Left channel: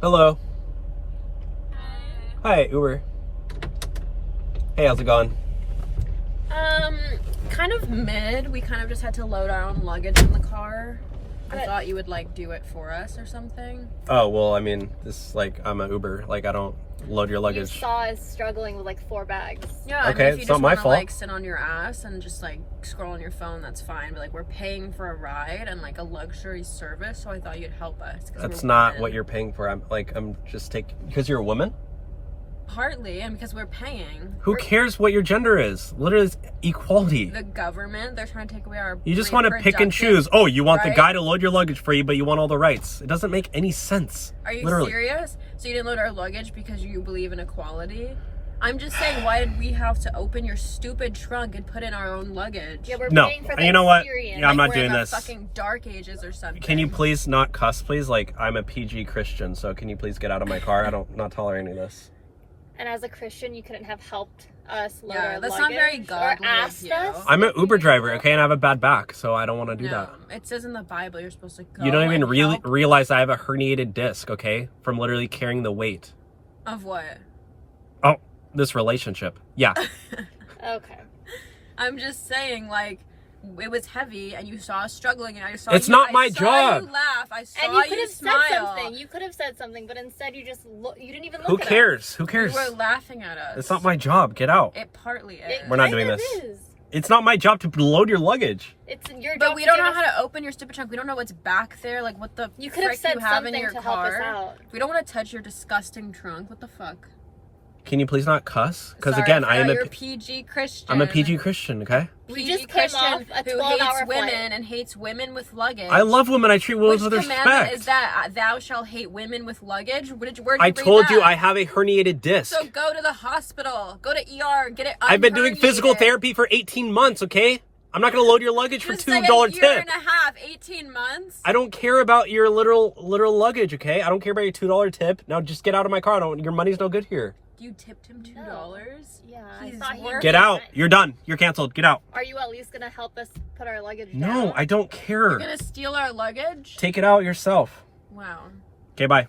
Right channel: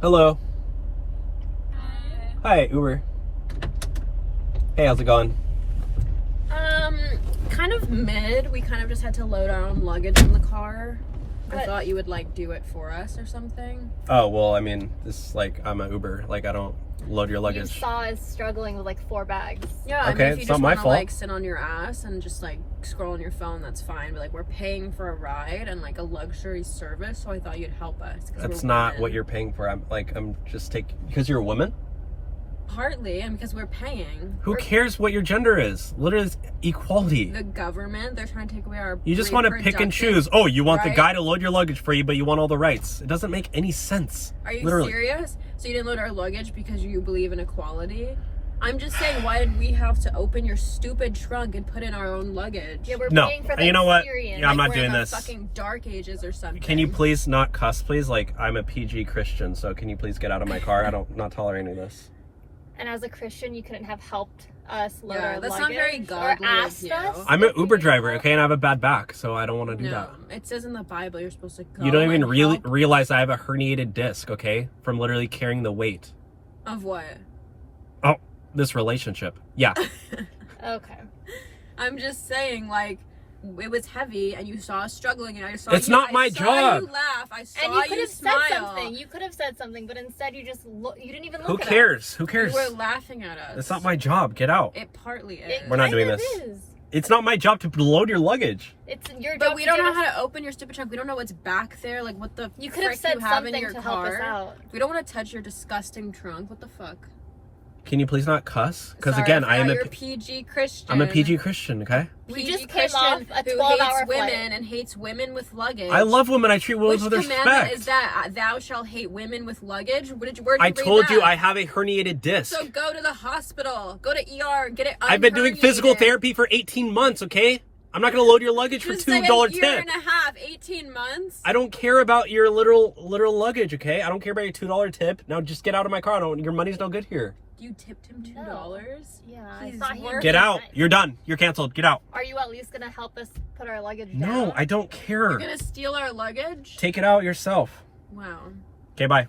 Hello. Hi, Uber. Hey, how's it going? Kind of mid. We kind of just had to load our own luggage in the car. I thought you would like do it for us or something. Oh, well, I mean, this I'm an Uber. Like, I don't load your luggage. You saw us struggling with like 4 bags. Yeah, I Okay, mean, if you it's just not my want to fault. like sit on your ass and just like scroll on your phone, that's fine. But like we're paying for a ride and like a luxury service, so I thought you'd help us. That's not what you're paying for. I'm just taking because you're a woman. Partly, and because we're paying. Who cares what your gender is? Literally, it's equality. The government, they're trying to take away our. You just want to pick and choose. Oh, you want the guy to load your luggage for you, but you want all the rights. It doesn't make any sense. Are you literally. serious? So you didn't load our luggage because you believe in equality? I'm just saying, why did we have to open your stupid trunk and put in our own luggage? Yeah, we're No, paying for the you know what? experience. Yeah, I'm Like not we're doing in this. the fucking dark ages or something. Can you please not cuss, please? Like, I'm a PG Christian, so can you please get out of my car? Not tolerating this. And as a Christian, you couldn't have helped us load Yeah, our that's luggage not very or godly of asked you. us. I'm an if we Uber needed driver, help. okay, and I have a bad back, so I don't want to do No, that. it says in the Bible you're supposed to go. You don't even and really help. realize I have a herniated disc, okay, from literally carrying the weight. Of what? Oh, this relationship. Yeah. Okay. I'm just saying, like, it was heavy, and you saw us struggling, and I saw It's you. not my I saw job. you laugh. I saw And you could have smile. said something. You could have said something, but instead you just you didn't even look Who at cares? Who You cares? were laughing at us. It's not my job. Get out. It partly us. is. We're not Kind doing of this. is. It's not my job to load your luggage. It's your job. But we to don't give know us- how to open your stupid trunk. We don't know what's back there. Like, what the You could have frick said you have something in your to car. help us out. We don't want to touch your disgusting trunk. What the fuck? Can you please not cuss? Because Sorry, again, I forgot I am you're a PG Christian. I'm a PG Christian, okay? We PG just came Christian off a who 12-hour hates women flight. and hates women with luggage. I love women. I treat women Which with commandment respect. is that? Thou shalt hate women with luggage? Where'd you I read told you that? I have a herniated disc. So go to the hospital. Go to ER. Get it I've been doing physical unherniated. therapy for 18 months, okay? I'm not going to load your luggage for Just like $2 a year tip. and a half, 18 months. I don't care about your literal luggage, okay? I don't care about your $2 tip. Now just get out of my car. Your money's no good here. You tipped him $2. No. Yeah, I He's thought he working. Get out. You're done. You're canceled. Get out. Are you at least gonna help us put our luggage down? No, I don't care. You're gonna steal our luggage? Take it out yourself. Wow. Okay, bye.